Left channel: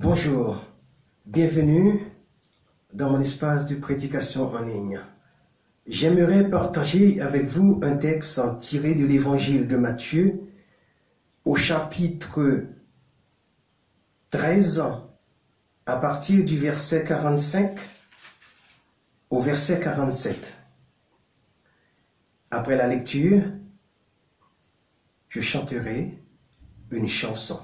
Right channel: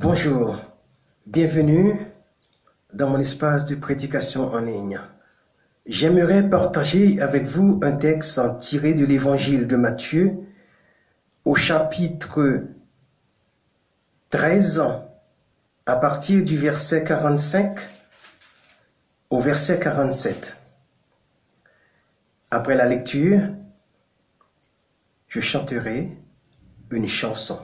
Bonjour, bienvenue dans mon espace de prédication en ligne. J'aimerais partager avec vous un texte tiré de l'évangile de Matthieu au chapitre 13 à partir du verset 45 au verset 47. Après la lecture, je chanterai une chanson.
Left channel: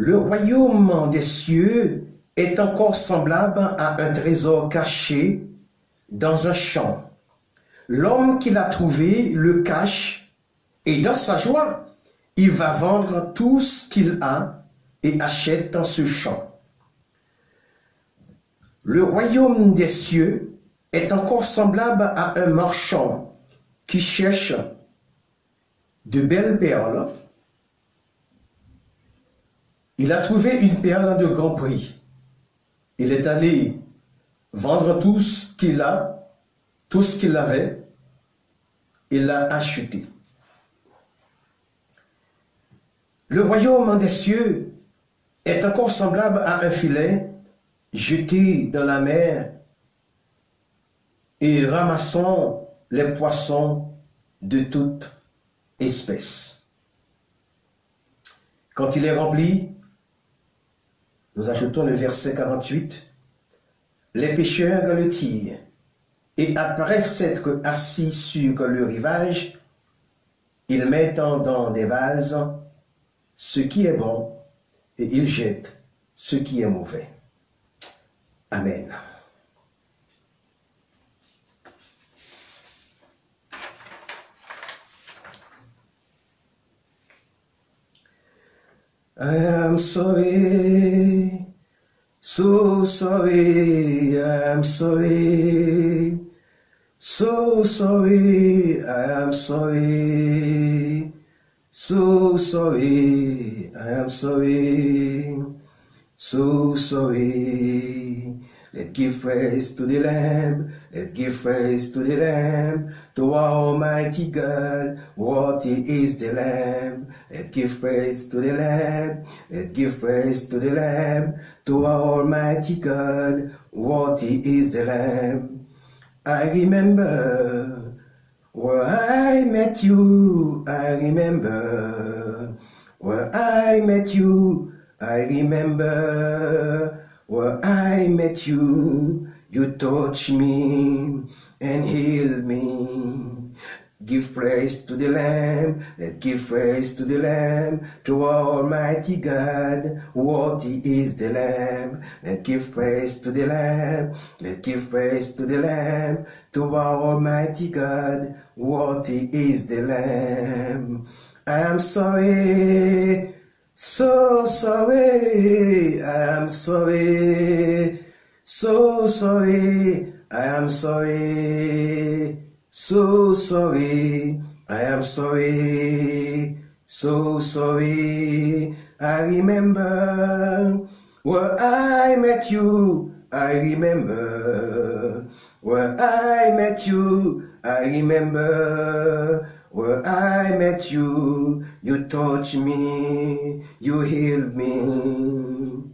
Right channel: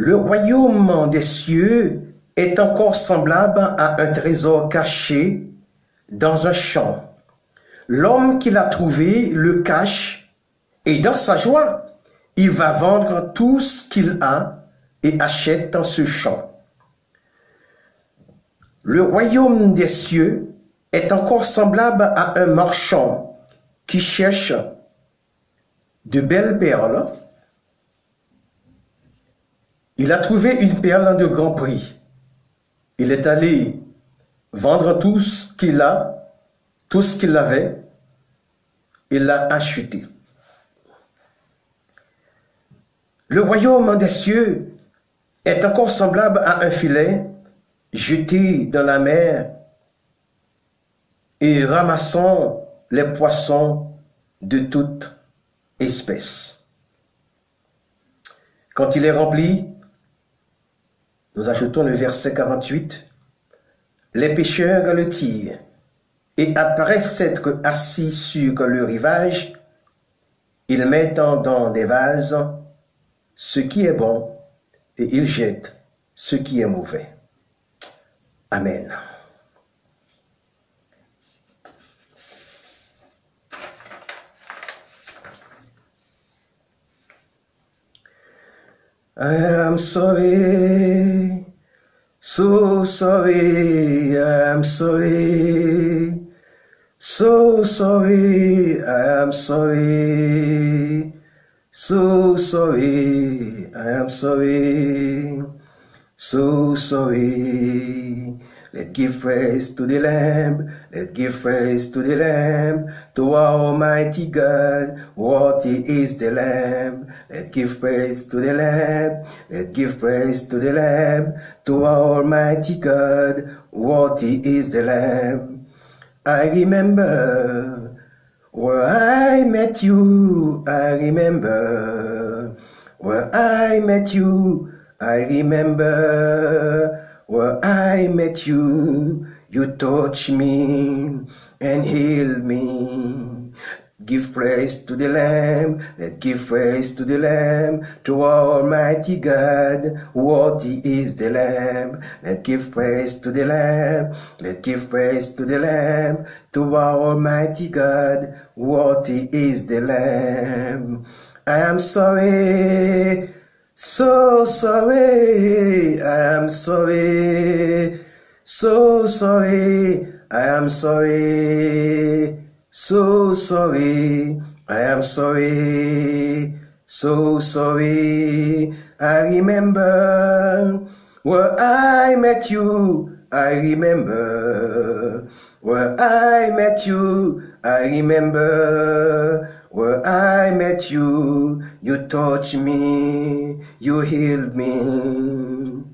Le royaume des cieux est encore semblable à un trésor caché dans un champ. L'homme qui l'a trouvé le cache et dans sa joie, il va vendre tout ce qu'il a et achète dans ce champ. Le royaume des cieux est encore semblable à un marchand qui cherche de belles perles. Il a trouvé une perle de grand prix. Il est allé vendre tout ce qu'il avait, il l'a acheté. Le royaume des cieux est encore semblable à un filet jeté dans la mer et ramassant les poissons de toute espèce. Quand il est rempli, nous ajoutons le verset 48. Les pêcheurs le tirent, et après s'être assis sur le rivage, ils mettent dans des vases ce qui est bon, et ils jettent ce qui est mauvais. Amen. I am sorry, so sorry, I am sorry, so sorry, I am sorry, so sorry, I am sorry, so sorry. Let's give praise to the Lamb, let's give praise to the Lamb, to our Almighty God, worthy is the Lamb. Let's give praise to the Lamb, let's give praise to the Lamb, to our Almighty God, worthy is the Lamb. I remember where I met you, I remember where I met you, I remember where I met you, you touched me and healed me. Give praise to the Lamb, let's give praise to the Lamb, to our Almighty God, worthy is the Lamb. Let's give praise to the Lamb, let's give praise to the Lamb, to our Almighty God, worthy is the Lamb. I am sorry, so sorry, I am sorry, so sorry, I am sorry, so sorry, I am sorry, so sorry. I remember where I met you, I remember where I met you, I remember where I met you, you touched me, you healed me.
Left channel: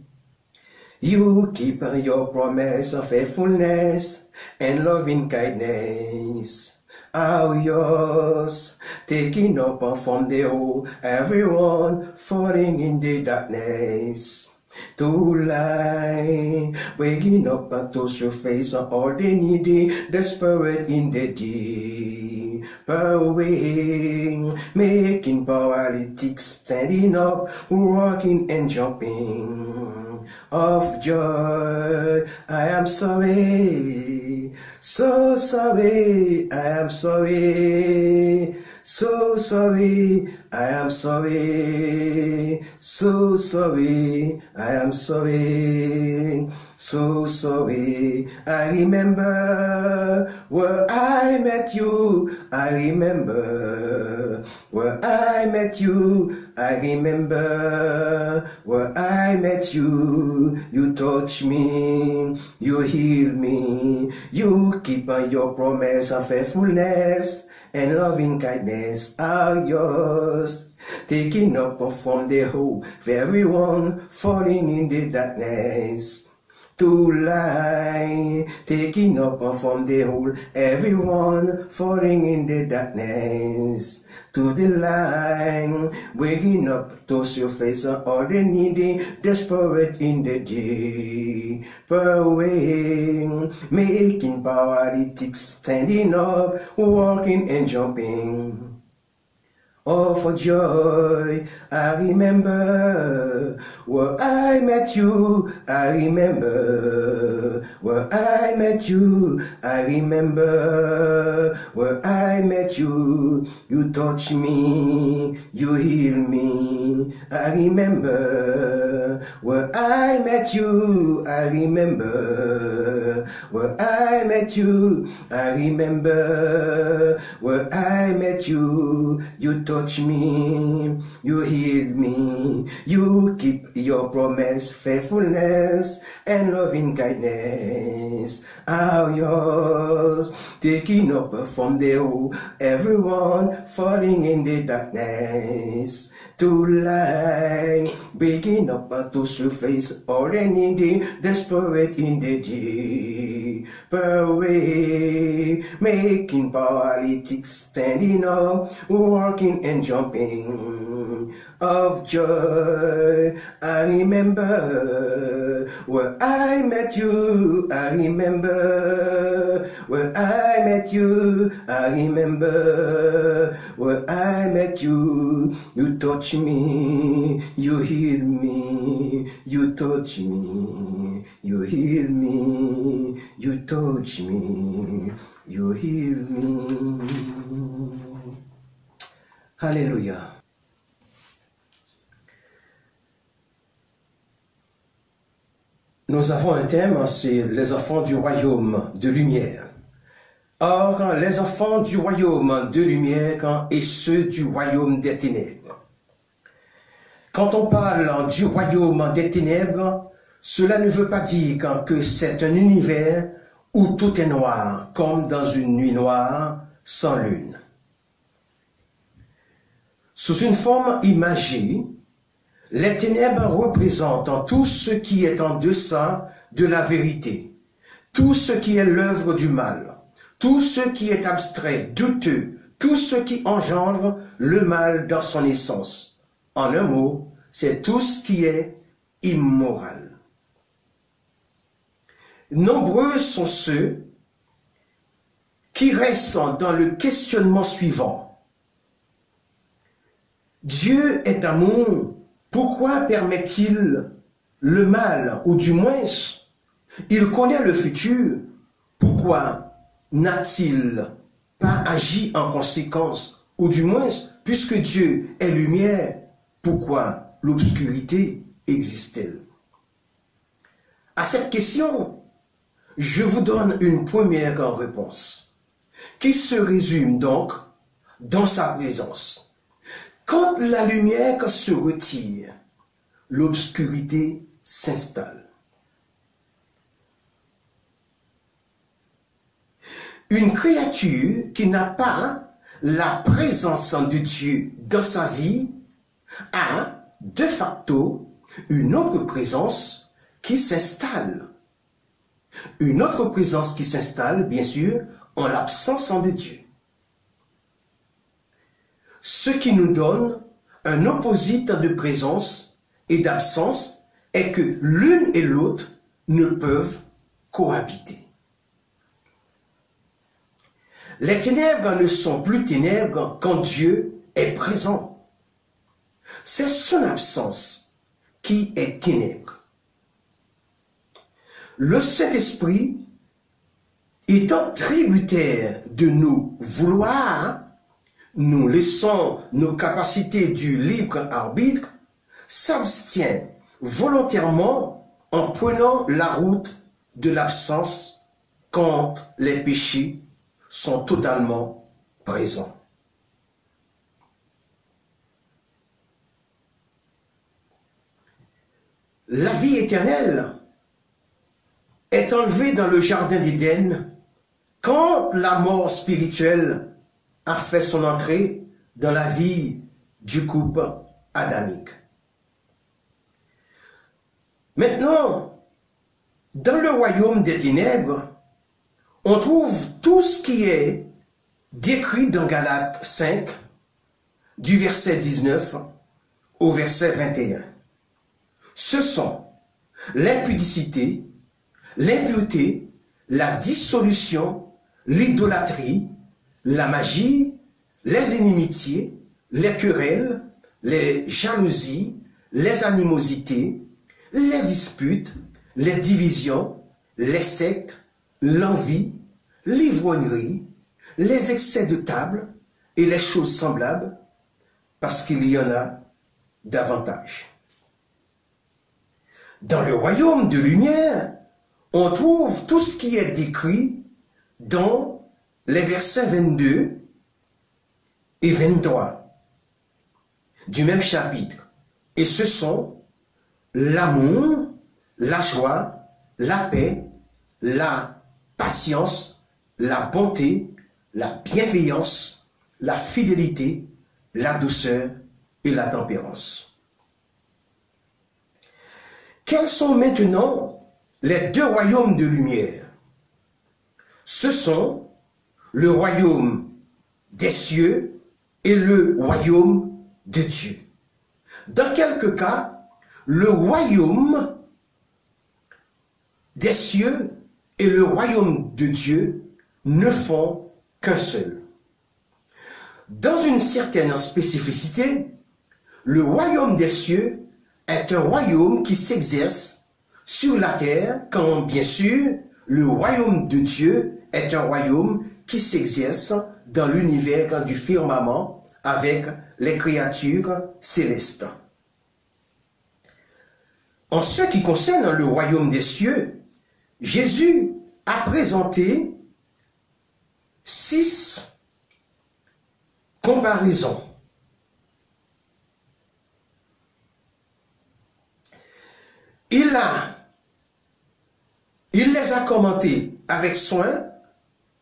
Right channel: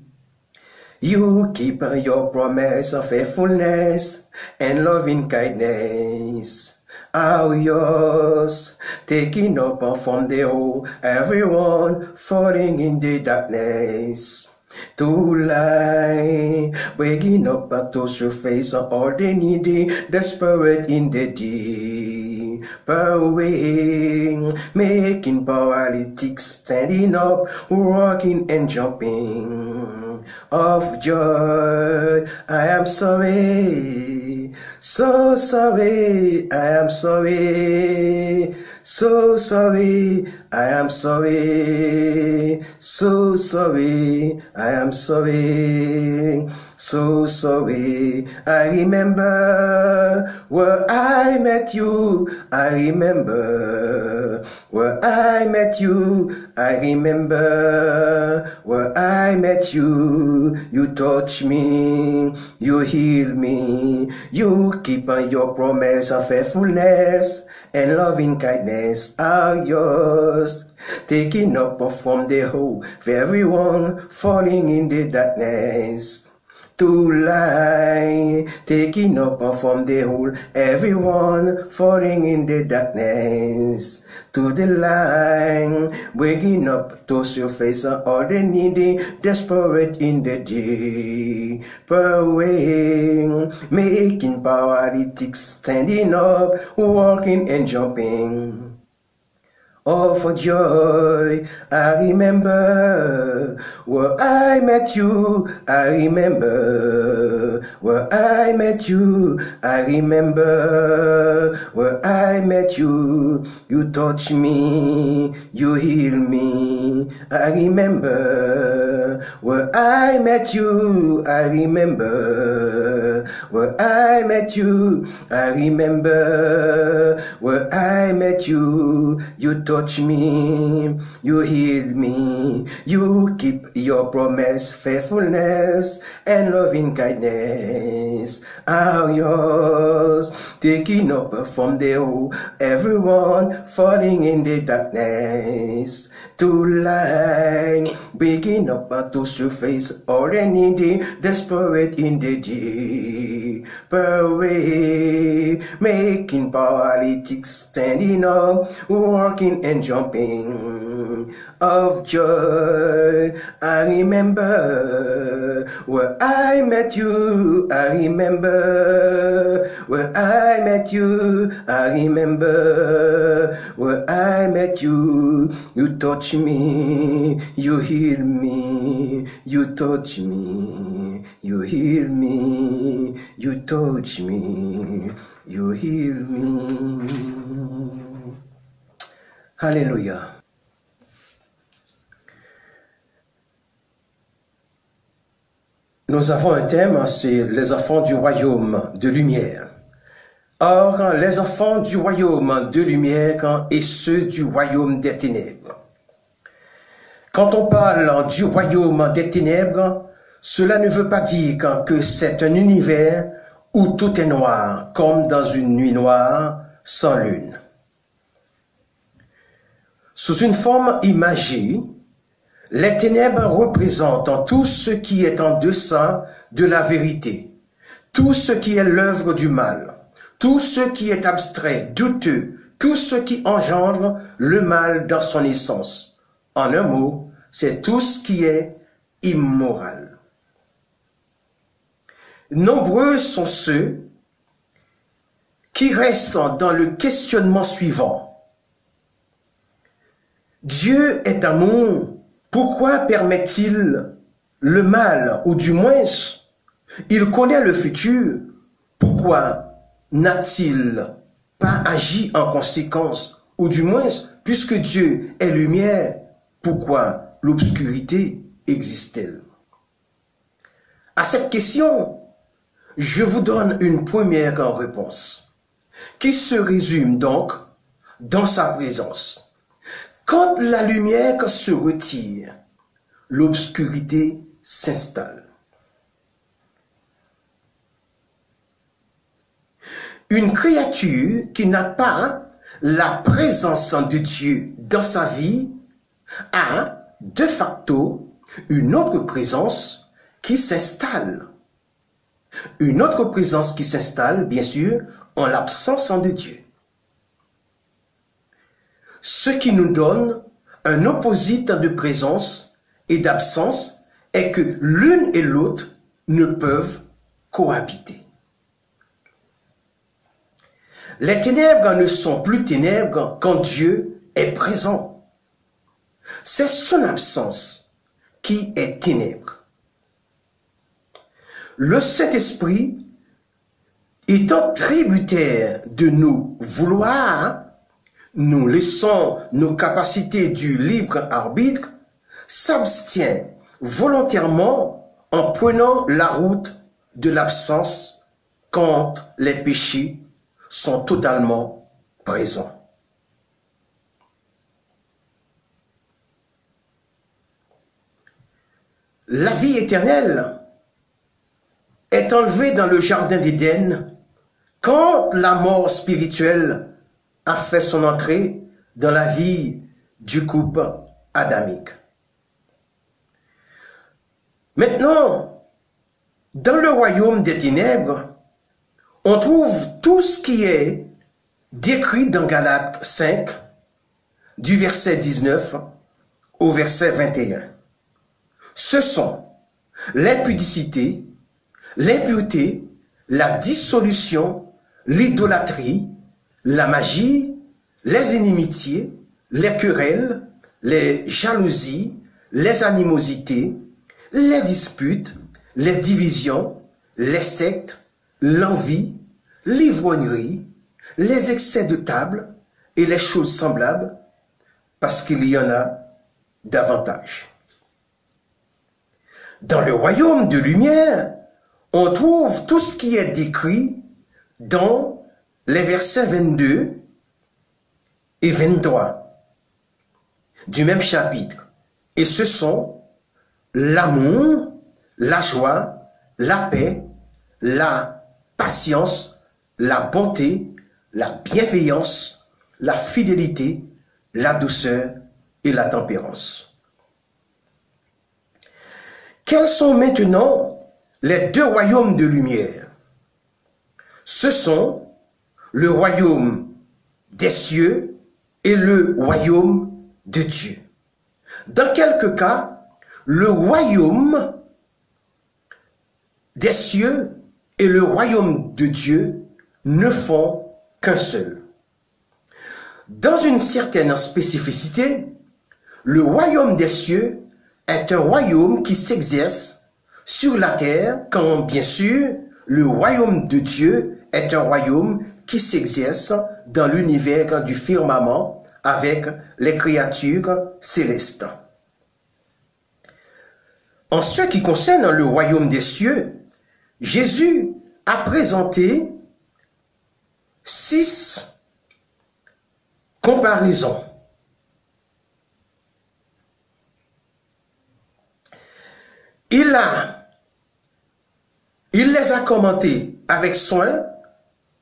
You keep your promise of faithfulness and loving kindness are yours, taking up from the whole, everyone falling in the darkness. To lie, waking up to surface all the needy, desperate in the deep away, making paralytics standing up, walking and jumping of joy. I am sorry, so sorry, I am sorry, so sorry, I am sorry, so sorry, I am sorry, so sorry. I remember where I met you, I remember where I met you, I remember where I met you, you touched me, you healed me, you keep your promise of faithfulness and loving kindness are yours. Taking up from the whole, everyone falling in the darkness. To light, taking up from the whole, everyone falling in the darkness. To the line, waking up to surface all the needy, desperate in the deeper way, making paralytics standing up, walking and jumping. Oh, for joy, I remember where I met you, I remember where I met you, I remember where I met you. You touch me, you heal me, I remember where I met you, I remember where I met you, I remember where I met you. You touch me, you heal me, you keep your promise, faithfulness and loving kindness are yours. Taking up from the whole, everyone falling in the darkness. To light, waking up to surface all the needy, desperate in the deeper way, making paralytics standing up, walking and jumping of joy. I remember where I met you, I remember where I met you, I remember where I met you. You touch me, you heal me, you touch me, you heal me, you touch me, you heal me. Alléluia. Nous avons un thème, c'est les enfants du royaume de lumière. Or, les enfants du royaume de lumière et ceux du royaume des ténèbres. Quand on parle du royaume des ténèbres, cela ne veut pas dire que c'est un univers où tout est noir, comme dans une nuit noire sans lune. Sous une forme imagée, les ténèbres représentent tout ce qui est en deçà de la vérité, tout ce qui est l'œuvre du mal, tout ce qui est abstrait, douteux, tout ce qui engendre le mal dans son essence. En un mot, c'est tout ce qui est immoral. Nombreux sont ceux qui restent dans le questionnement suivant. Dieu est amour, pourquoi permet-il le mal, ou du moins, il connaît le futur, pourquoi n'a-t-il pas agi en conséquence, ou du moins, puisque Dieu est lumière, pourquoi l'obscurité existe-t-elle? À cette question, je vous donne une première réponse, qui se résume donc dans sa présence. Quand la lumière se retire, l'obscurité s'installe. Une créature qui n'a pas la présence de Dieu dans sa vie a de facto une autre présence qui s'installe. Une autre présence qui s'installe, bien sûr, en l'absence de Dieu. Ce qui nous donne un opposite de présence et d'absence est que l'une et l'autre ne peuvent cohabiter. Les ténèbres ne sont plus ténèbres quand Dieu est présent. C'est son absence qui est ténèbre. Le Saint-Esprit étant tributaire de nos vouloirs, nous laissons nos capacités du libre arbitre, s'abstient volontairement en prenant la route de l'absence quand les péchés sont totalement présents. La vie éternelle est enlevée dans le jardin d'Éden quand la mort spirituelle a fait son entrée dans la vie du couple adamique. Maintenant, dans le royaume des ténèbres, on trouve tout ce qui est décrit dans Galates 5, du verset 19 au verset 21. Ce sont l'impudicité, l'impureté, la dissolution, l'idolâtrie, la magie, les inimitiés, les querelles, les jalousies, les animosités, les disputes, les divisions, les sectes, l'envie, l'ivrognerie, les excès de table et les choses semblables, parce qu'il y en a davantage. Dans le royaume de lumière, on trouve tout ce qui est décrit dans les versets 22 et 23 du même chapitre. Et ce sont l'amour, la joie, la paix, la patience, la bonté, la bienveillance, la fidélité, la douceur et la tempérance. Quels sont maintenant les deux royaumes de lumière? Ce sont le royaume des cieux et le royaume de Dieu. Dans quelques cas, le royaume des cieux et le royaume de Dieu ne font qu'un seul. Dans une certaine spécificité, le royaume des cieux est un royaume qui s'exerce sur la terre, quand bien sûr le royaume de Dieu est un royaume qui s'exerce dans l'univers du firmament avec les créatures célestes. En ce qui concerne le royaume des cieux, Jésus a présenté 6 comparaisons. Il les a commentées avec soin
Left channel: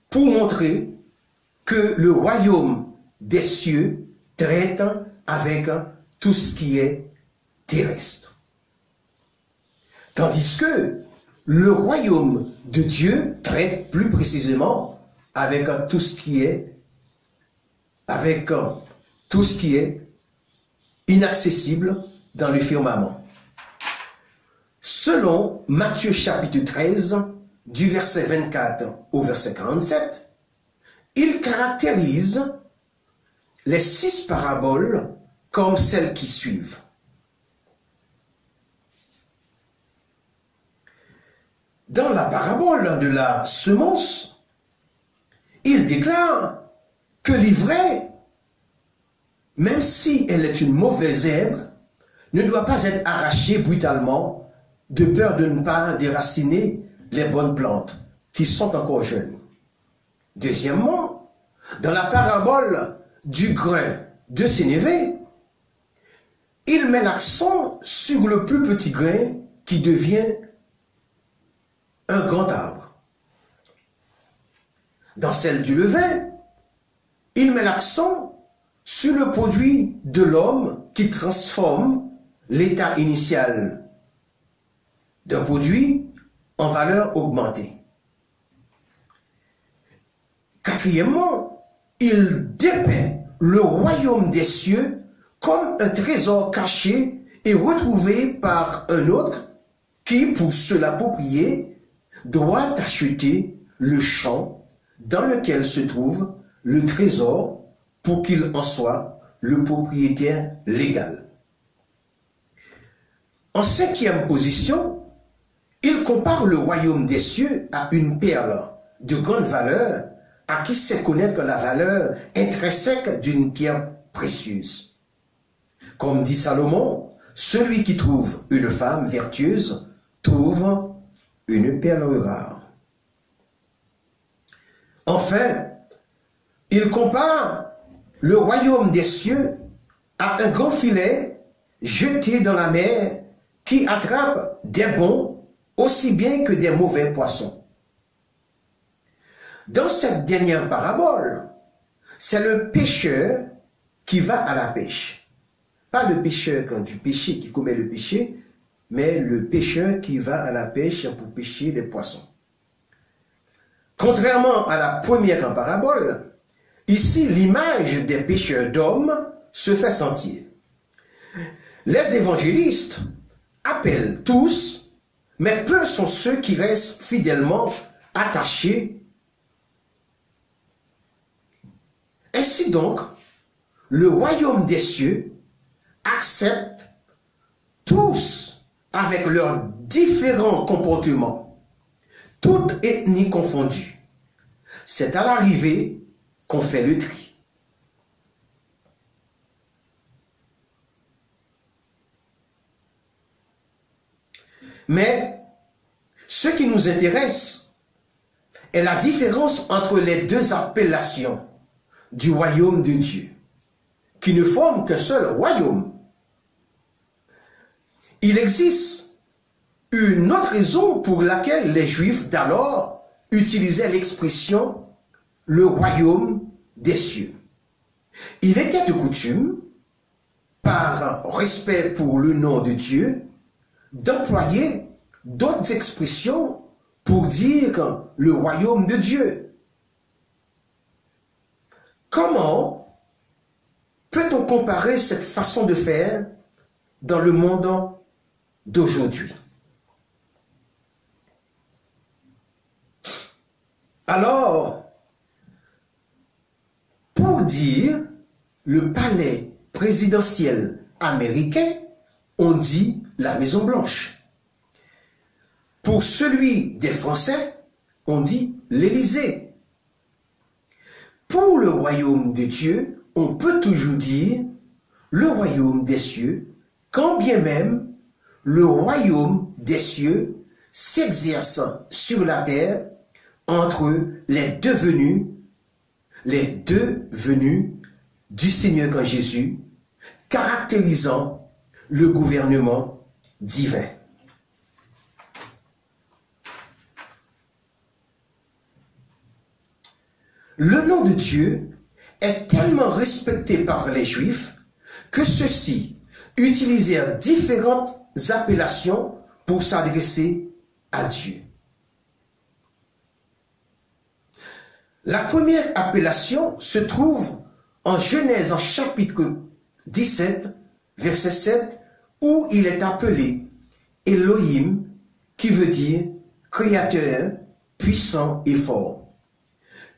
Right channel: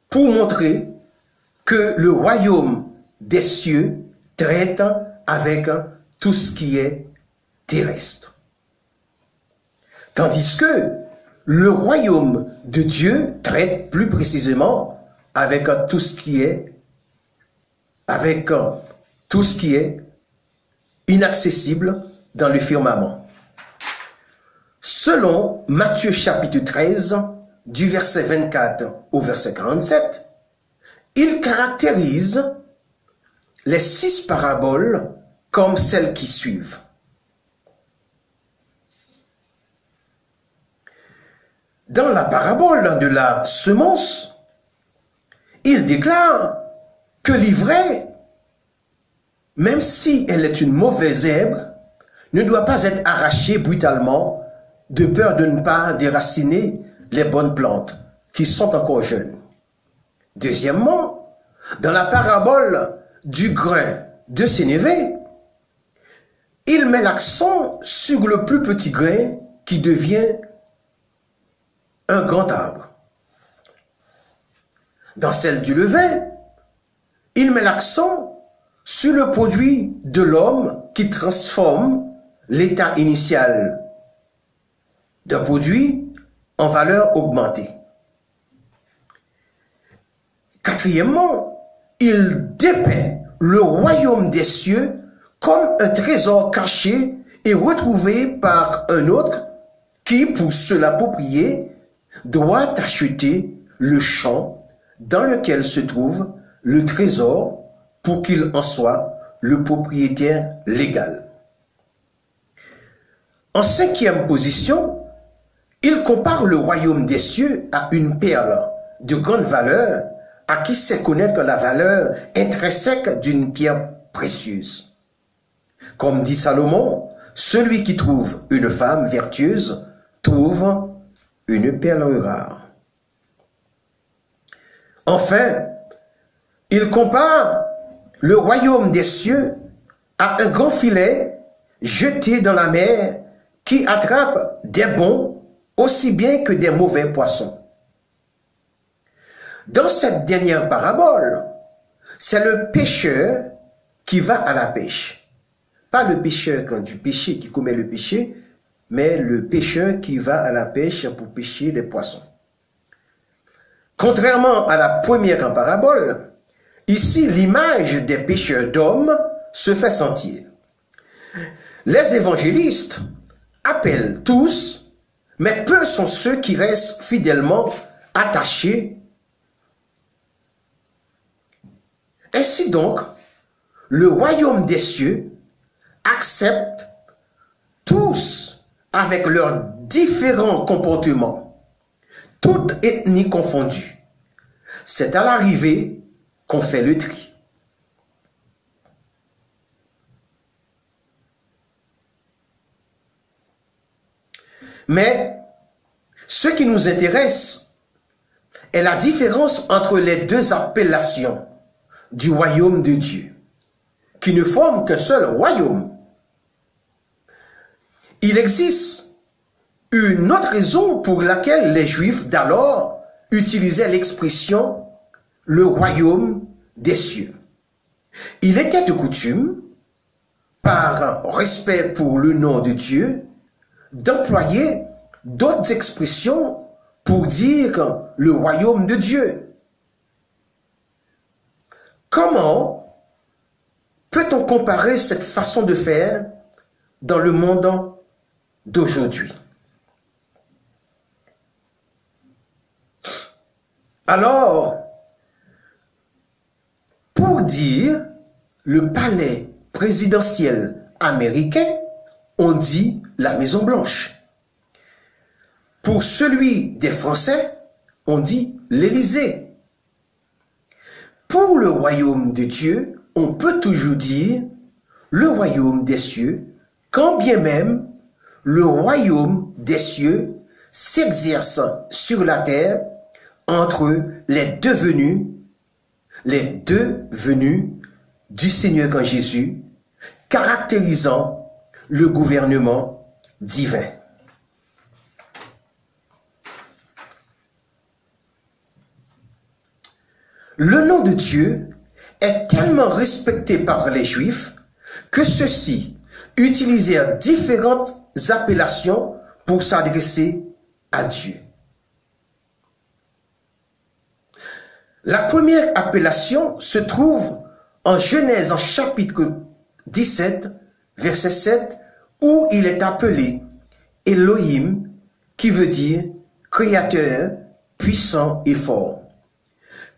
pour montrer que le royaume des cieux traite avec tout ce qui est terrestre. Tandis que le royaume de Dieu traite plus précisément avec tout ce qui est inaccessible dans le firmament. Selon Matthieu chapitre 13, du verset 24 au verset 47, il caractérise les 6 paraboles comme celles qui suivent. Dans la parabole de la semence, il déclare que l'ivraie, même si elle est une mauvaise herbe, ne doit pas être arrachée brutalement de peur de ne pas déraciner les bonnes plantes qui sont encore jeunes. Deuxièmement, dans la parabole du grain de sénévé, il met l'accent sur le plus petit grain qui devient un grand arbre. Dans celle du levain, il met l'accent sur le produit de l'homme qui transforme l'état initial d'un produit en valeur augmentée. Quatrièmement, il dépeint le royaume des cieux comme un trésor caché et retrouvé par un autre qui, pour se l'approprier, doit acheter le champ dans lequel se trouve le trésor pour qu'il en soit le propriétaire légal. En 5e position, il compare le royaume des cieux à une perle de grande valeur à qui sait connaître la valeur intrinsèque d'une pierre précieuse. Comme dit Salomon, celui qui trouve une femme vertueuse trouve une perle rare. Enfin, il compare le royaume des cieux à un grand filet jeté dans la mer qui attrape des bons aussi bien que des mauvais poissons. Dans cette dernière parabole, c'est le pécheur qui va à la pêche. Pas le pécheur du péché qui commet le péché, mais le pêcheur qui va à la pêche pour pêcher des poissons. Contrairement à la première parabole, ici l'image des pêcheurs d'hommes se fait sentir. Les évangélistes appellent tous, mais peu sont ceux qui restent fidèlement attachés. Ainsi donc, le royaume des cieux accepte tous avec leurs différents comportements, toutes ethnies confondues. C'est à l'arrivée qu'on fait le tri. Mais ce qui nous intéresse est la différence entre les deux appellations du royaume de Dieu, qui ne forment qu'un seul royaume. Il existe une autre raison pour laquelle les Juifs d'alors utilisaient l'expression « le royaume des cieux ». Il était de coutume, par respect pour le nom de Dieu, d'employer d'autres expressions pour dire le royaume de Dieu. Comment peut-on comparer cette façon de faire dans le monde d'aujourd'hui? Alors, pour dire le palais présidentiel américain, on dit la Maison Blanche. Pour celui des Français, on dit l'Élysée. Pour le royaume de Dieu, on peut toujours dire le royaume des cieux, quand bien même le royaume des cieux s'exerce sur la terre entre les deux venus du Seigneur quand Jésus, caractérisant le gouvernement divin. Le nom de Dieu est tellement respecté par les Juifs que ceux-ci utilisèrent différentes appellations pour s'adresser à Dieu. La première appellation se trouve en Genèse en chapitre 17, verset 7, où il est appelé Elohim, qui veut dire créateur, puissant et fort.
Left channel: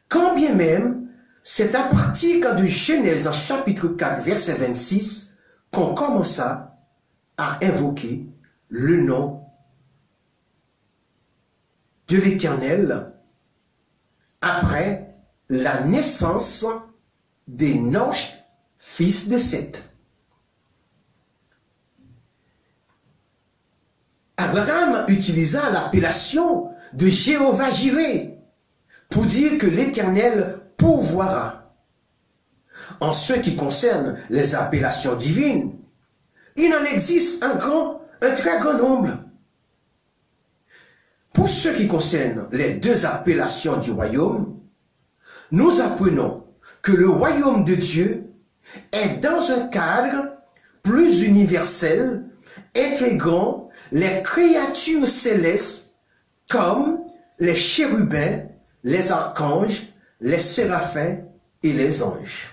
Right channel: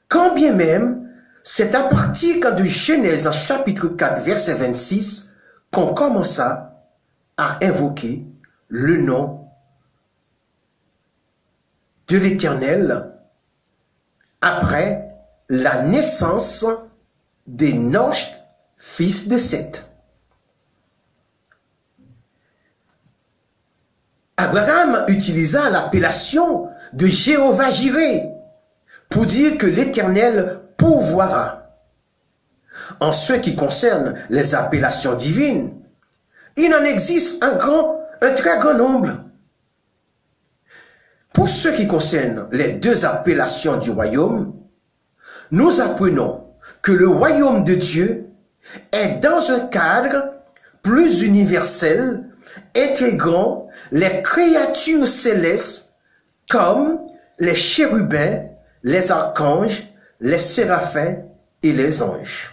Quand bien même, c'est à partir de Genèse en chapitre 4, verset 26, qu'on commença à invoquer le nom de l'Éternel après la naissance d'Enoch, fils de Seth. Abraham utilisa l'appellation de Jéhovah Jireh pour dire que l'Éternel pourvoira. En ce qui concerne les appellations divines, il en existe un très grand nombre. Pour ce qui concerne les deux appellations du royaume, nous apprenons que le royaume de Dieu est dans un cadre plus universel, intégrant les créatures célestes comme les chérubins, les archanges, les séraphins et les anges.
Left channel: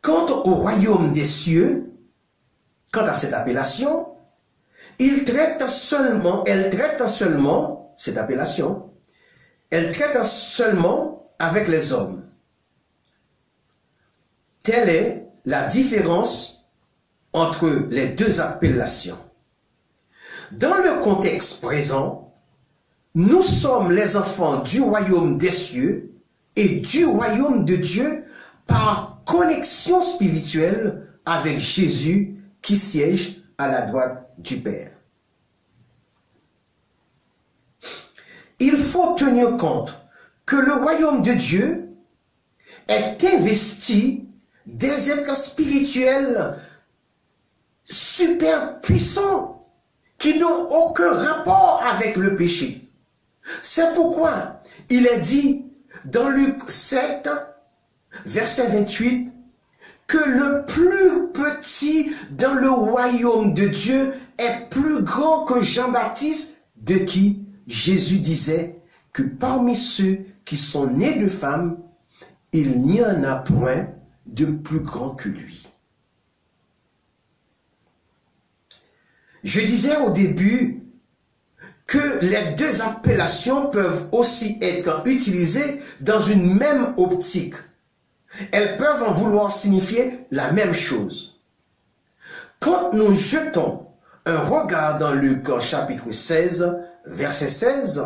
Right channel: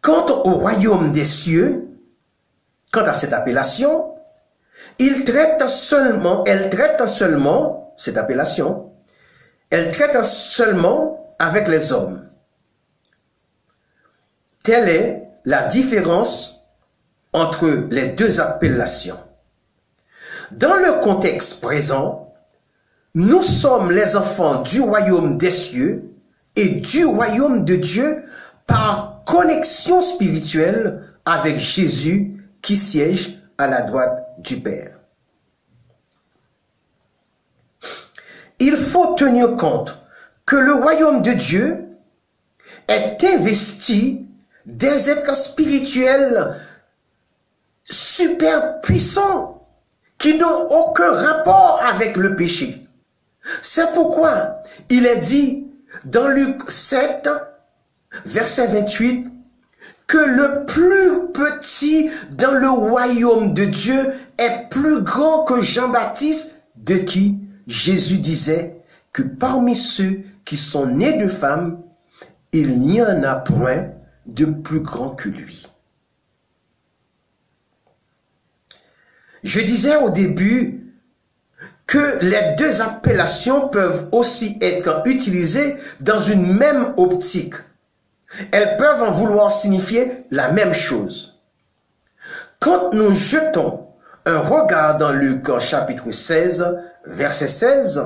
Quant au royaume des cieux, quant à cette appellation, elle traite seulement, cette appellation, elle traite seulement avec les hommes. Telle est la différence entre les deux appellations. Dans le contexte présent, nous sommes les enfants du royaume des cieux et du royaume de Dieu par connexion spirituelle avec Jésus qui siège à la droite du Père. Il faut tenir compte que le royaume de Dieu est investi des êtres spirituels super puissants qui n'ont aucun rapport avec le péché. C'est pourquoi il est dit dans Luc 7, verset 28, que le plus petit dans le royaume de Dieu est plus grand que Jean-Baptiste, de qui Jésus disait que parmi ceux qui sont nés de femmes, il n'y en a point de plus grand que lui. Je disais au début que les deux appellations peuvent aussi être utilisées dans une même optique. Elles peuvent en vouloir signifier la même chose. Quand nous jetons un regard dans Luc chapitre 16, verset 16,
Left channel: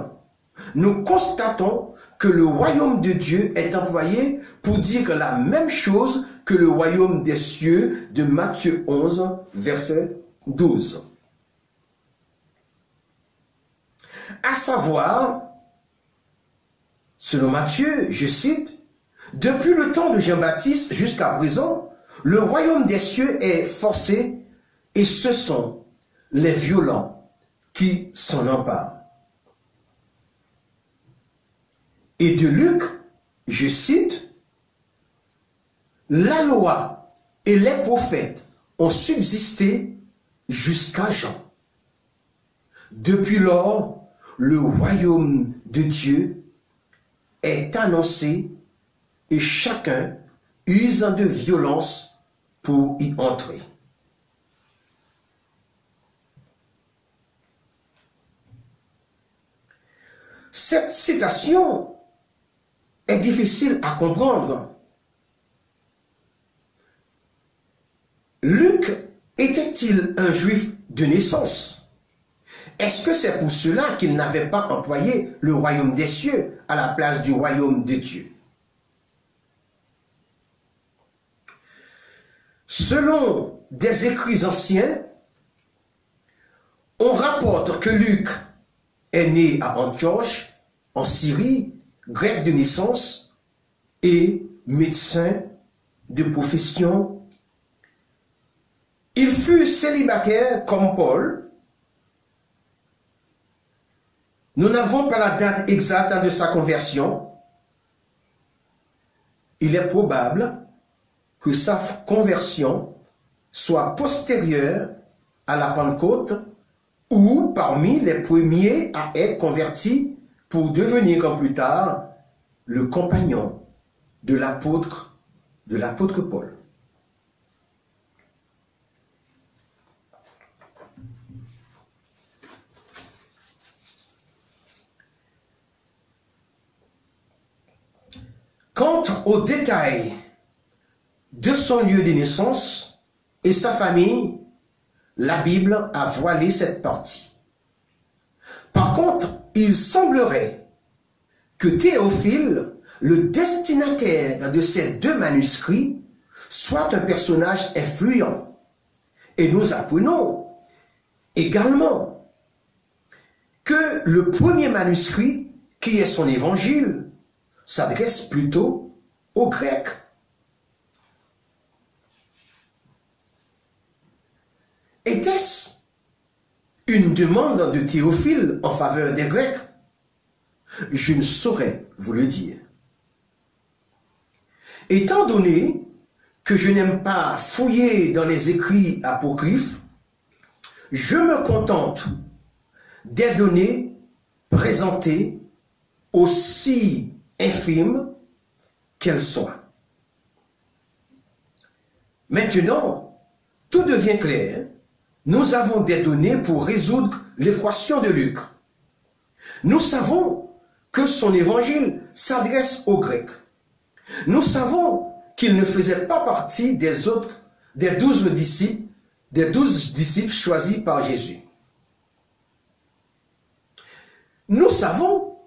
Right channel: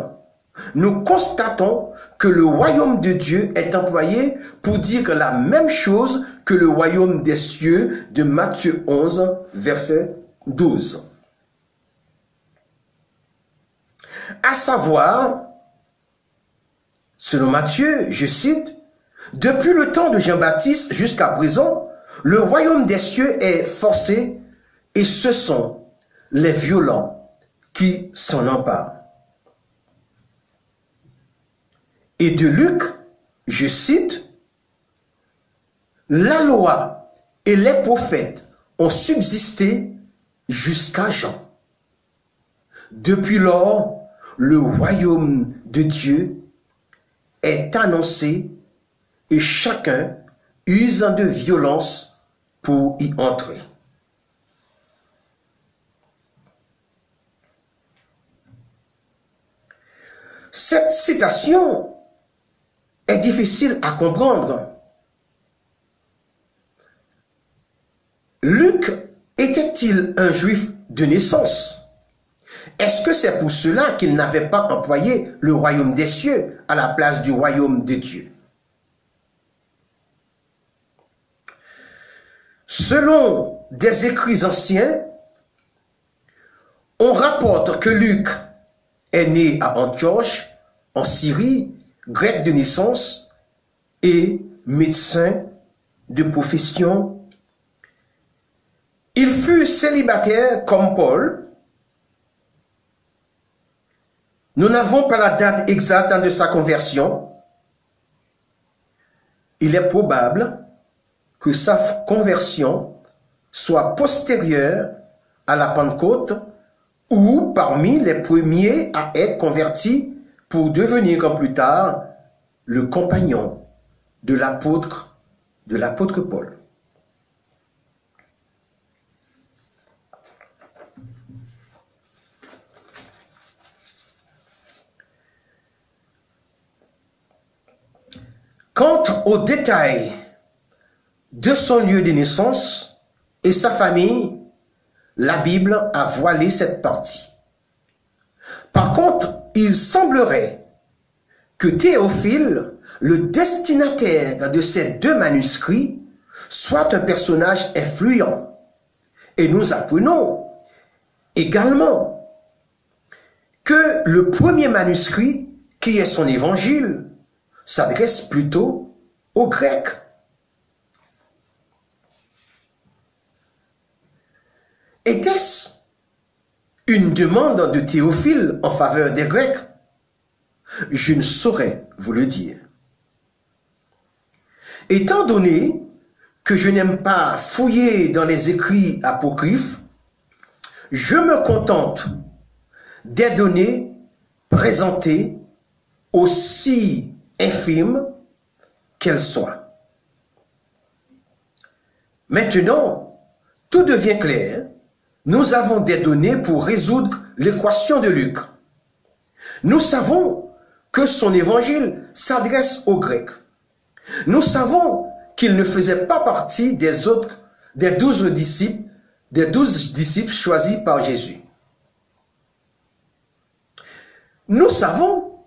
nous constatons que le royaume de Dieu est employé pour dire la même chose que le royaume des cieux de Matthieu 11, verset 12. À savoir, selon Matthieu, je cite, « Depuis le temps de Jean-Baptiste jusqu'à présent, le royaume des cieux est forcé et ce sont les violents qui s'en emparent. » Et de Luc, je cite, « La loi et les prophètes ont subsisté jusqu'à Jean. Depuis lors, le royaume de Dieu est annoncé et chacun use de violence pour y entrer. » Cette citation est difficile à comprendre. Luc était-il un juif de naissance? Est-ce que c'est pour cela qu'il n'avait pas employé le royaume des cieux à la place du royaume de Dieu? Selon des écrits anciens, on rapporte que Luc est né à Antioche, en Syrie, grec de naissance et médecin de profession. Il fut célibataire comme Paul. Nous n'avons pas la date exacte de sa conversion. Il est probable que sa conversion soit postérieure à la Pentecôte ou parmi les premiers à être convertis pour devenir plus tard le compagnon de l'apôtre Paul. Quant aux détails de son lieu de naissance et sa famille, la Bible a voilé cette partie. Par contre, il semblerait que Théophile, le destinataire de ces deux manuscrits, soit un personnage influent. Et nous apprenons également que le premier manuscrit, qui est son évangile, s'adresse plutôt aux Grecs. Était-ce une demande de Théophile en faveur des Grecs? Je ne saurais vous le dire. Étant donné que je n'aime pas fouiller dans les écrits apocryphes, je me contente des données présentées aussi infimes qu'elles soient. Maintenant, tout devient clair. Nous avons des données pour résoudre l'équation de Luc. Nous savons que son évangile s'adresse aux Grecs. Nous savons qu'il ne faisait pas partie des 12 disciples choisis par Jésus. Nous savons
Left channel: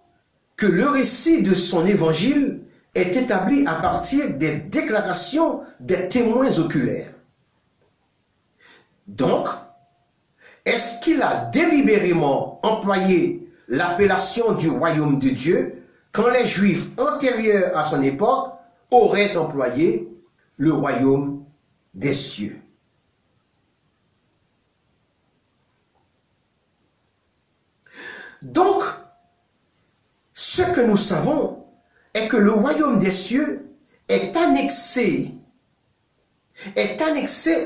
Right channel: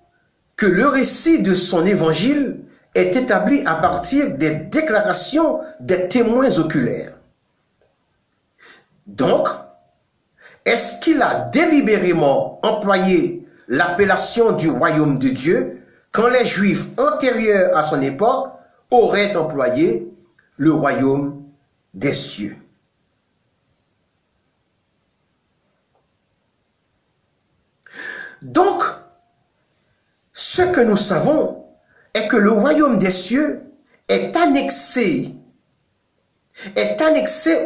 que le récit de son évangile est établi à partir des déclarations des témoins oculaires. Donc, est-ce qu'il a délibérément employé l'appellation du royaume de Dieu quand les Juifs antérieurs à son époque auraient employé le royaume des cieux? Donc, ce que nous savons est que le royaume des cieux est annexé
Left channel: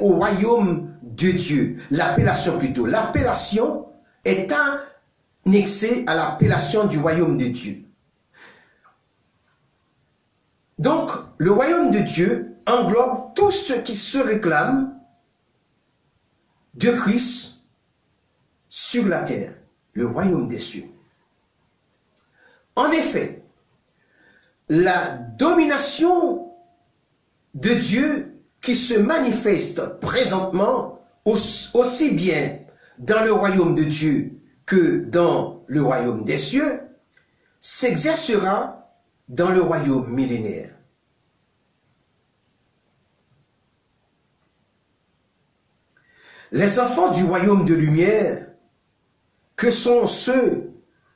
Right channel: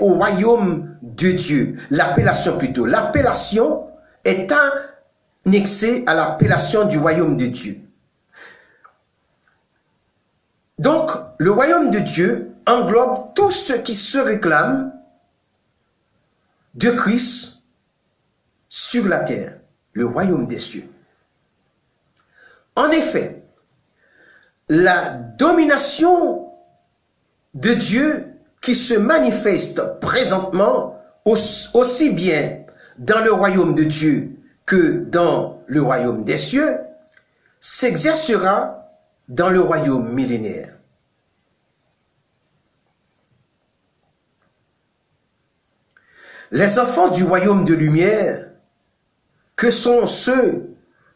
au royaume de Dieu. L'appellation plutôt. L'appellation est annexée à l'appellation du royaume de Dieu. Donc, le royaume de Dieu englobe tout ce qui se réclame de Christ sur la terre, le royaume des cieux. En effet, la domination de Dieu qui se manifeste présentement aussi bien dans le royaume de Dieu que dans le royaume des cieux s'exercera dans le royaume millénaire. Les enfants du royaume de lumière, que sont ceux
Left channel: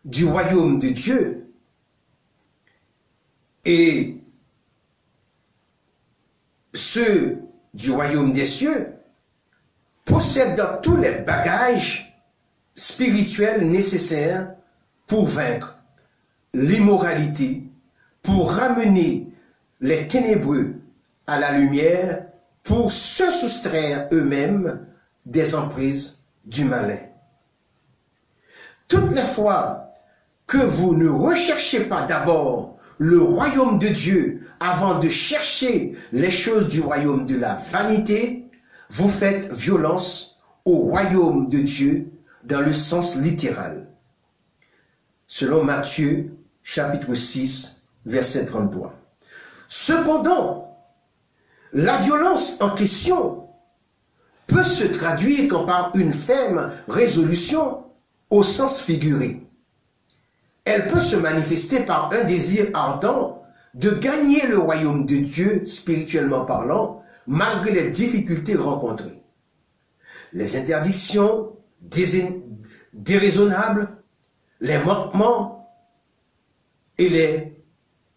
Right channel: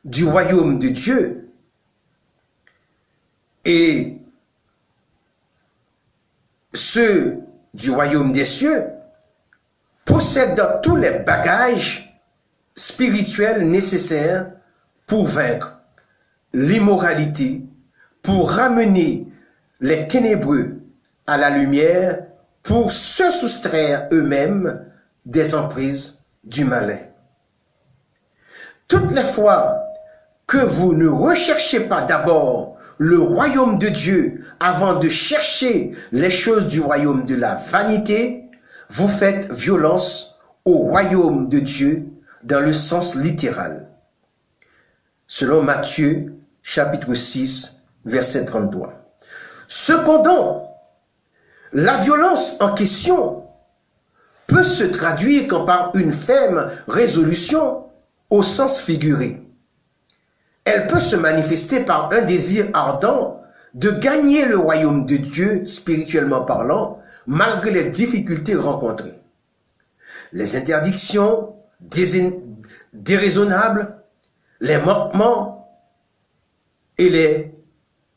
du royaume de Dieu, et ceux du royaume des cieux, possèdent tous les bagages spirituels nécessaires pour vaincre l'immoralité, pour ramener les ténébreux à la lumière, pour se soustraire eux-mêmes des emprises du malin. Toutes les fois que vous ne recherchez pas d'abord le royaume de Dieu avant de chercher les choses du royaume de la vanité, vous faites violence au royaume de Dieu dans le sens littéral. Selon Matthieu, chapitre 6, verset 33. Cependant, la violence en question peut se traduire comme par une ferme résolution au sens figuré. Elle peut se manifester par un désir ardent de gagner le royaume de Dieu, spirituellement parlant, malgré les difficultés rencontrées. Les interdictions déraisonnables, les manquements et les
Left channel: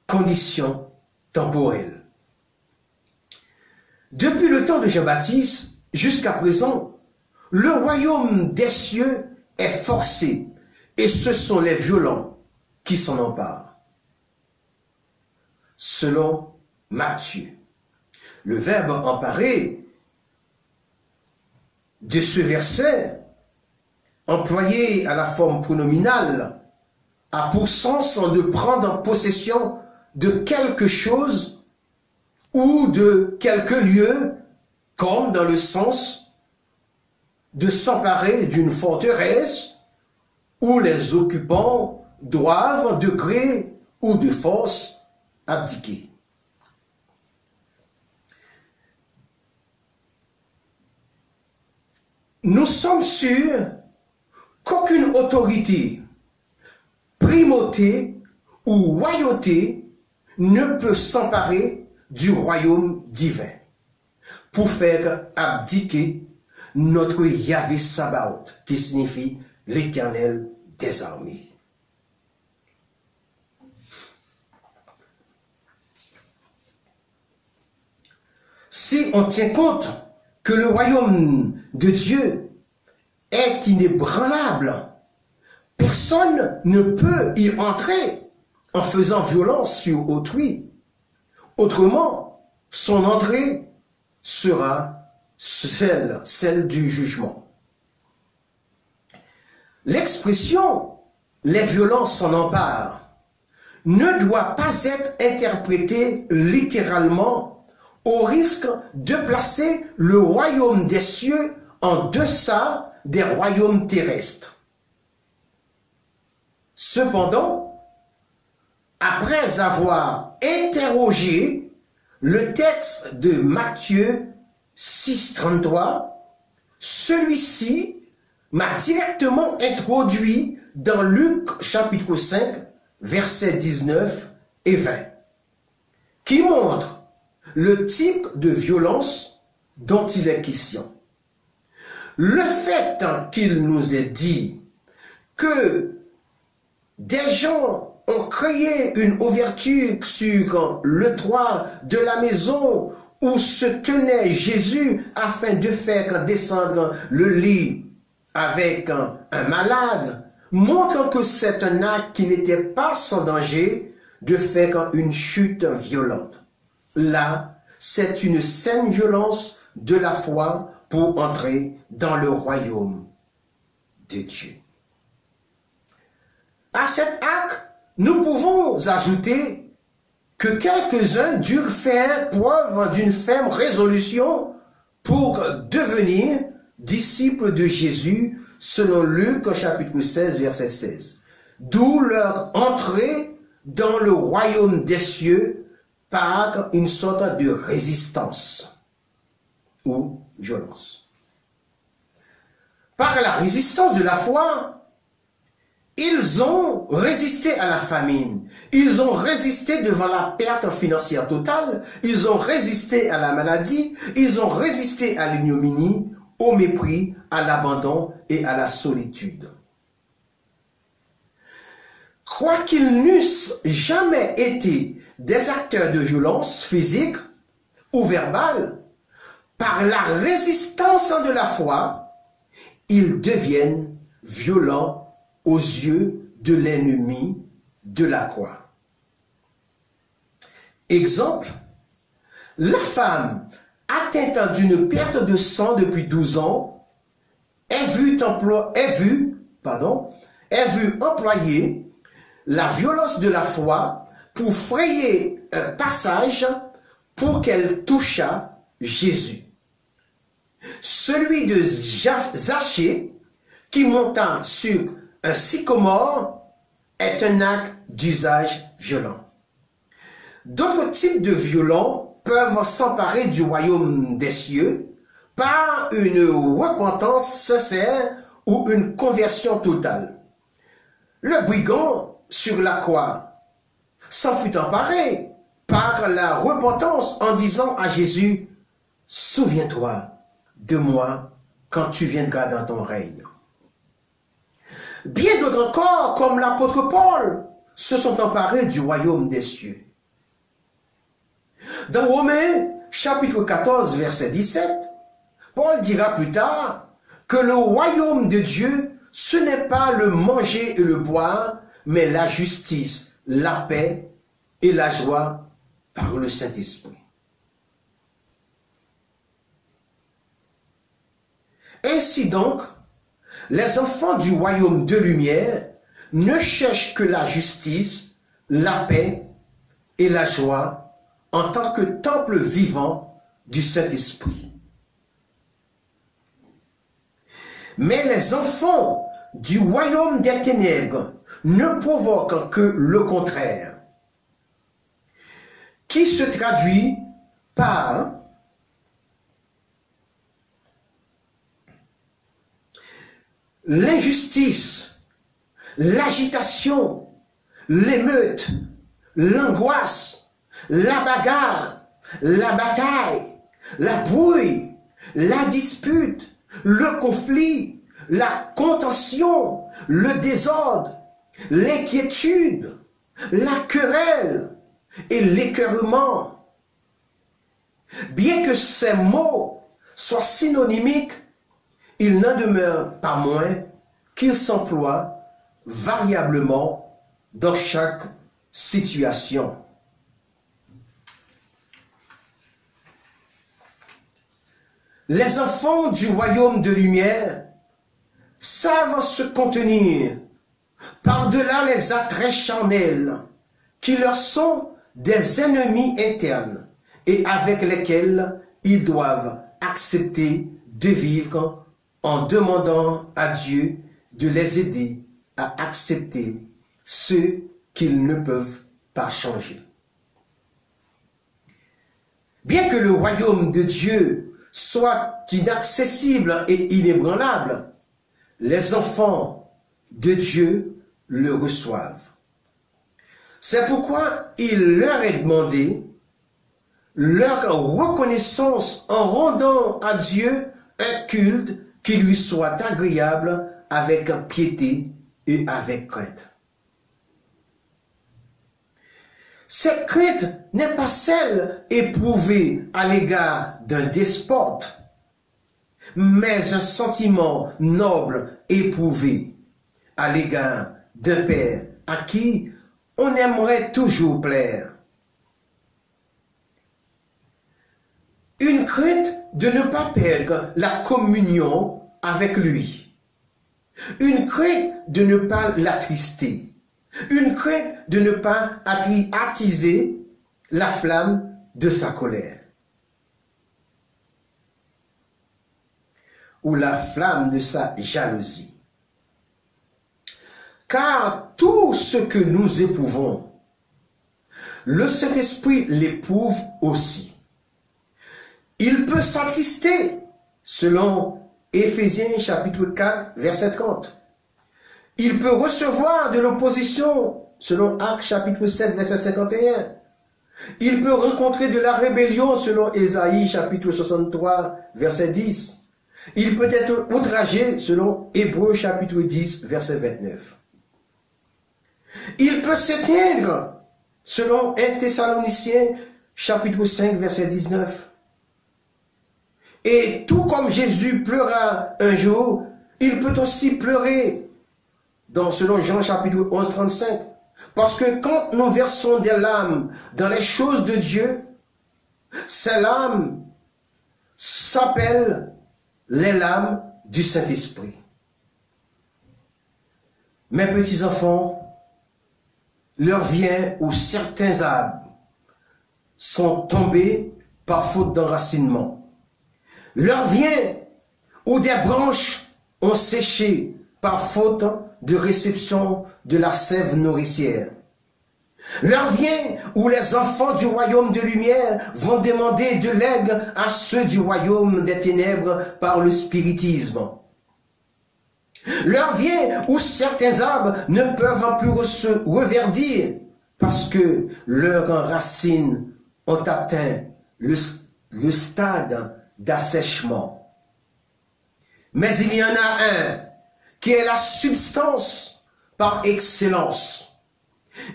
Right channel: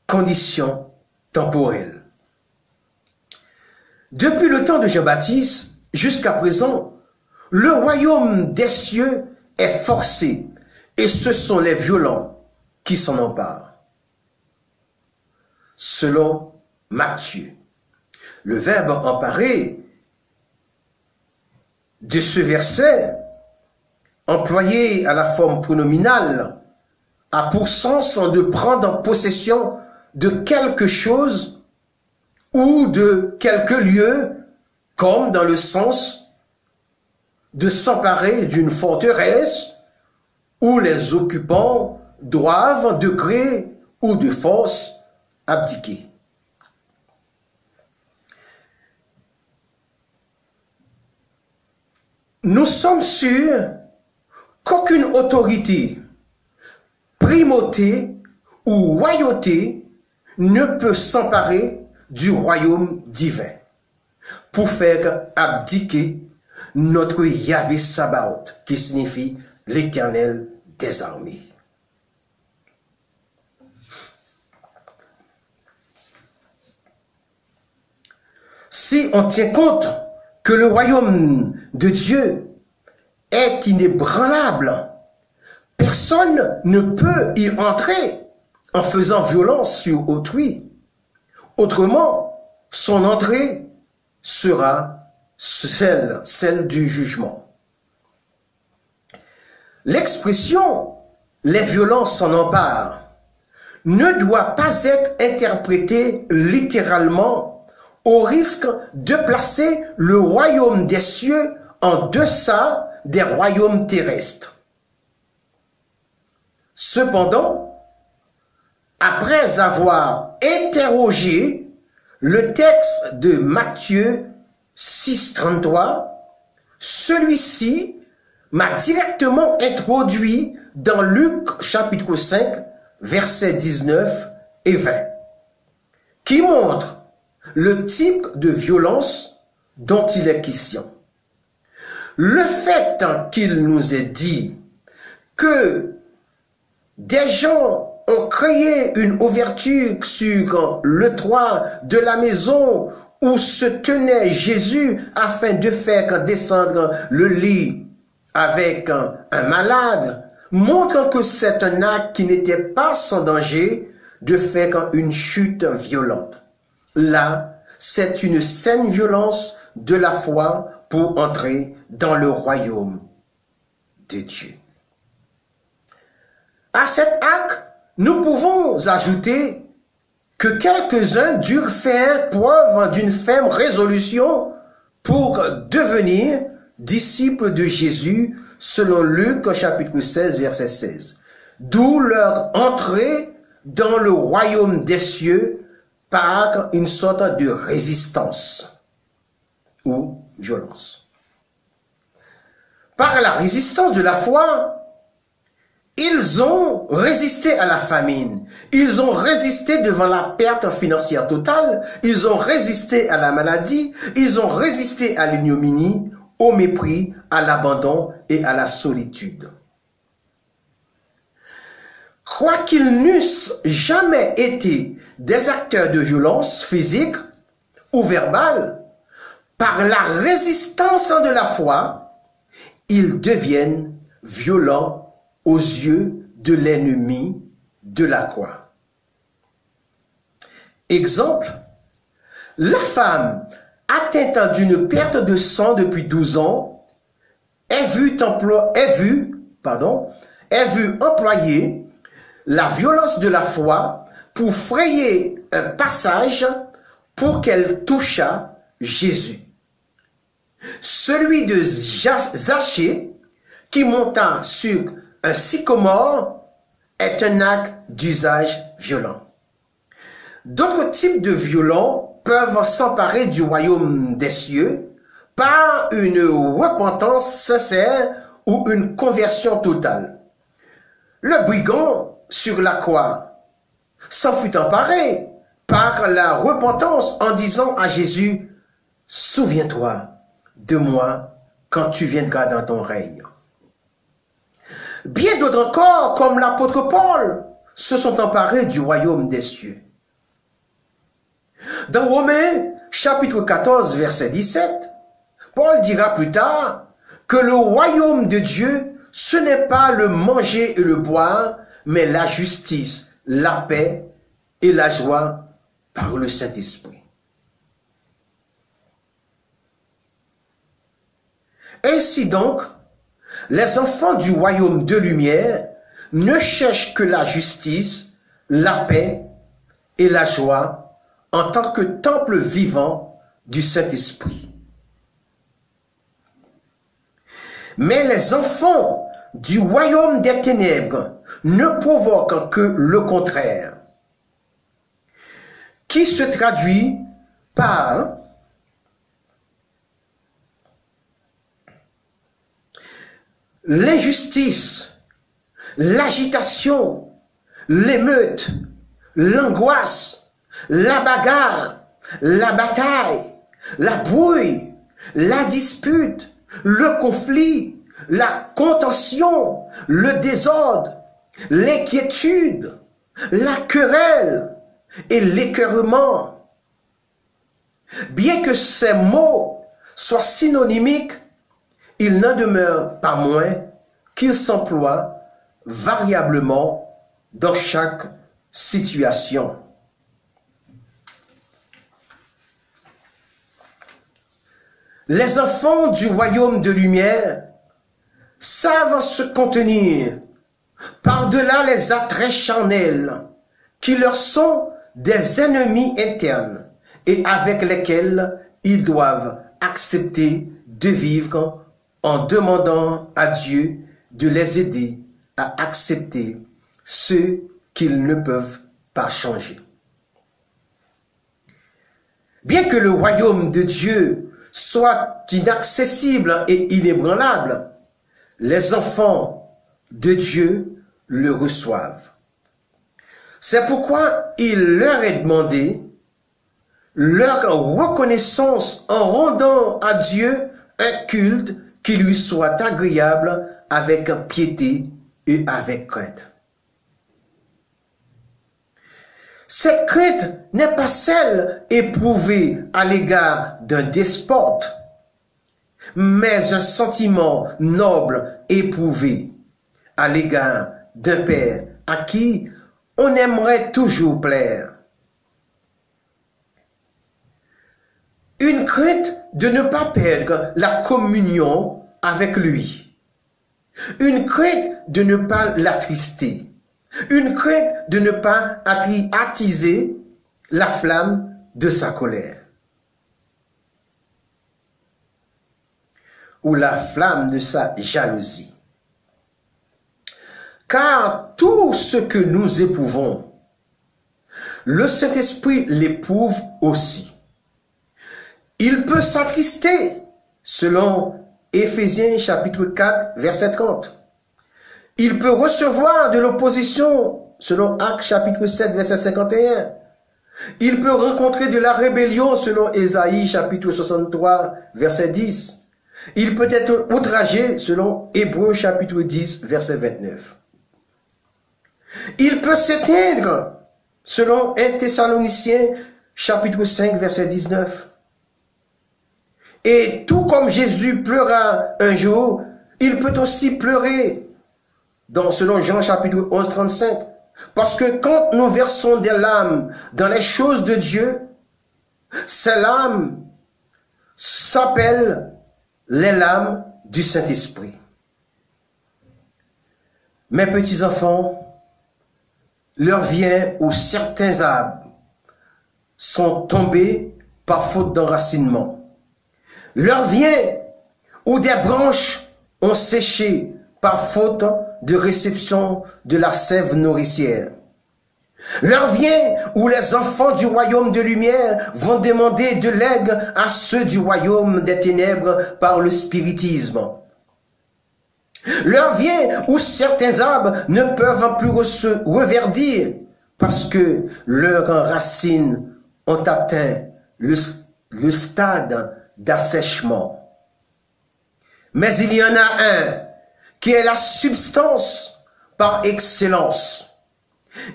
conditions temporelles. Depuis le temps de Jean-Baptiste jusqu'à présent, le royaume des cieux est forcé et ce sont les violents qui s'en emparent. Selon Matthieu, le verbe emparer de ce verset, employé à la forme pronominale, a pour sens de prendre possession de quelque chose ou de quelque lieu, comme dans le sens de s'emparer d'une forteresse où les occupants doivent de gré ou de force abdiquer. Nous sommes sûrs qu'aucune autorité, primauté ou royauté ne peut s'emparer du royaume divin pour faire abdiquer notre Yahvé Sabaoth, qui signifie l'Éternel des armées. Si on tient compte que le royaume de Dieu est inébranlable, personne ne peut y entrer en faisant violence sur autrui. Autrement, son entrée sera celle du jugement. L'expression « les violences s'en emparent » ne doit pas être interprétée littéralement au risque de placer le royaume des cieux en deçà des royaumes terrestres. Cependant, après avoir interrogé le texte de Matthieu 6,33, celui-ci m'a directement introduit dans Luc chapitre 5, versets 19 et 20, qui montre le type de violence dont il est question. Le fait qu'il nous ait dit que des gens ont créé une ouverture sur le toit de la maison où se tenait Jésus afin de faire descendre le lit avec un malade, montrent que c'est un acte qui n'était pas sans danger de faire une chute violente. Là, c'est une saine violence de la foi pour entrer dans le royaume de Dieu. À cet acte, nous pouvons ajouter que quelques-uns durent faire preuve d'une ferme résolution pour devenir disciples de Jésus, selon Luc chapitre 16, verset 16. D'où leur entrée dans le royaume des cieux par une sorte de résistance ou violence. Par la résistance de la foi, ils ont résisté à la famine, ils ont résisté devant la perte financière totale, ils ont résisté à la maladie, ils ont résisté à l'ignominie, au mépris, à l'abandon et à la solitude. Quoiqu'ils n'eussent jamais été des acteurs de violence physique ou verbale, par la résistance de la foi, ils deviennent violents aux yeux de l'ennemi de la croix. Exemple, la femme atteinte d'une perte de sang depuis 12 ans est vue employer la violence de la foi pour frayer un passage pour qu'elle touchât Jésus. Celui de Zachée qui monta sur un sycomore est un acte d'usage violent. D'autres types de violents peuvent s'emparer du royaume des cieux par une repentance sincère ou une conversion totale. Le brigand sur la croix s'en fut emparé par la repentance en disant à Jésus, « Souviens-toi de moi quand tu viendras dans ton règne. » Bien d'autres encore, comme l'apôtre Paul, se sont emparés du royaume des cieux. Dans Romains, chapitre 14, verset 17, Paul dira plus tard que le royaume de Dieu, ce n'est pas le manger et le boire, mais la justice, la paix et la joie par le Saint-Esprit. Ainsi donc, les enfants du royaume de lumière ne cherchent que la justice, la paix et la joie en tant que temple vivant du Saint-Esprit. Mais les enfants du royaume des ténèbres ne provoquent que le contraire, qui se traduit par l'injustice, l'agitation, l'émeute, l'angoisse, la bagarre, la bataille, la brouille, la dispute, le conflit, la contention, le désordre, l'inquiétude, la querelle et l'écœurement. Bien que ces mots soient synonymiques, il n'en demeure pas moins qu'ils s'emploient variablement dans chaque situation. Les enfants du royaume de lumière savent se contenir par-delà les attraits charnels qui leur sont des ennemis internes et avec lesquels ils doivent accepter de vivre en demandant à Dieu de les aider à accepter ce qu'ils ne peuvent pas changer. Bien que le royaume de Dieu soit inaccessible et inébranlable, les enfants de Dieu le reçoivent. C'est pourquoi il leur est demandé leur reconnaissance en rendant à Dieu un culte qui lui soit agréable avec piété et avec crainte. Cette crainte n'est pas celle éprouvée à l'égard d'un despote, mais un sentiment noble éprouvé à l'égard d'un père à qui on aimerait toujours plaire. Une crainte de ne pas perdre la communion avec lui. Une crainte de ne pas l'attrister. Une crainte de ne pas attiser la flamme de sa colère. Ou la flamme de sa jalousie. Car tout ce que nous éprouvons, le Saint-Esprit l'éprouve aussi. Il peut s'attrister, selon Éphésiens chapitre 4, verset 30. Il peut recevoir de l'opposition, selon Actes chapitre 7, verset 51. Il peut rencontrer de la rébellion, selon Ésaïe chapitre 63, verset 10. Il peut être outragé, selon Hébreux chapitre 10, verset 29. Il peut s'éteindre, selon 1 Thessaloniciens chapitre 5, verset 19. Et tout comme Jésus pleura un jour, il peut aussi pleurer, selon Jean chapitre 11, 35. Parce que quand nous versons des larmes dans les choses de Dieu, ces larmes s'appellent les larmes du Saint-Esprit. Mes petits enfants, l'heure vient où certains arbres sont tombés par faute d'enracinement. L'heure vient où des branches ont séché par faute de réception de la sève nourricière. L'heure vient où les enfants du royaume de lumière vont demander de l'aide à ceux du royaume des ténèbres par le spiritisme. L'heure vient où certains arbres ne peuvent plus reverdir parce que leurs racines ont atteint le stade d'assèchement. Mais il y en a un qui est la substance par excellence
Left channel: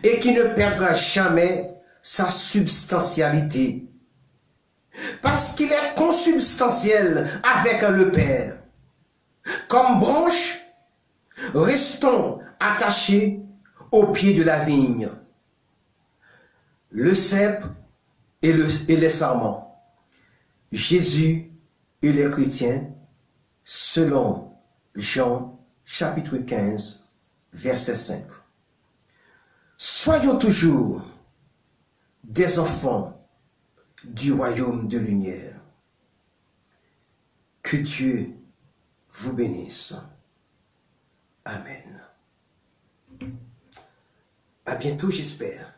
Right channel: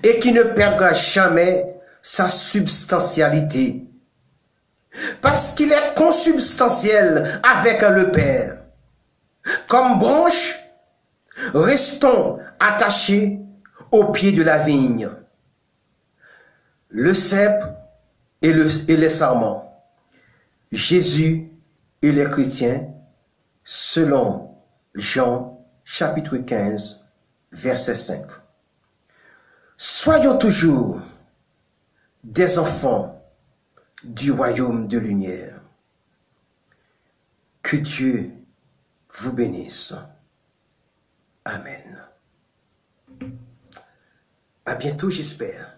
et qui ne perdra jamais sa substantialité. Parce qu'il est consubstantiel avec le Père. Comme branche, restons attachés au pied de la vigne. Le cep et les sarments. Jésus et les chrétiens, selon Jean chapitre 15, verset 5. Soyons toujours des enfants du royaume de lumière. Que Dieu vous bénisse. Amen. À bientôt, j'espère.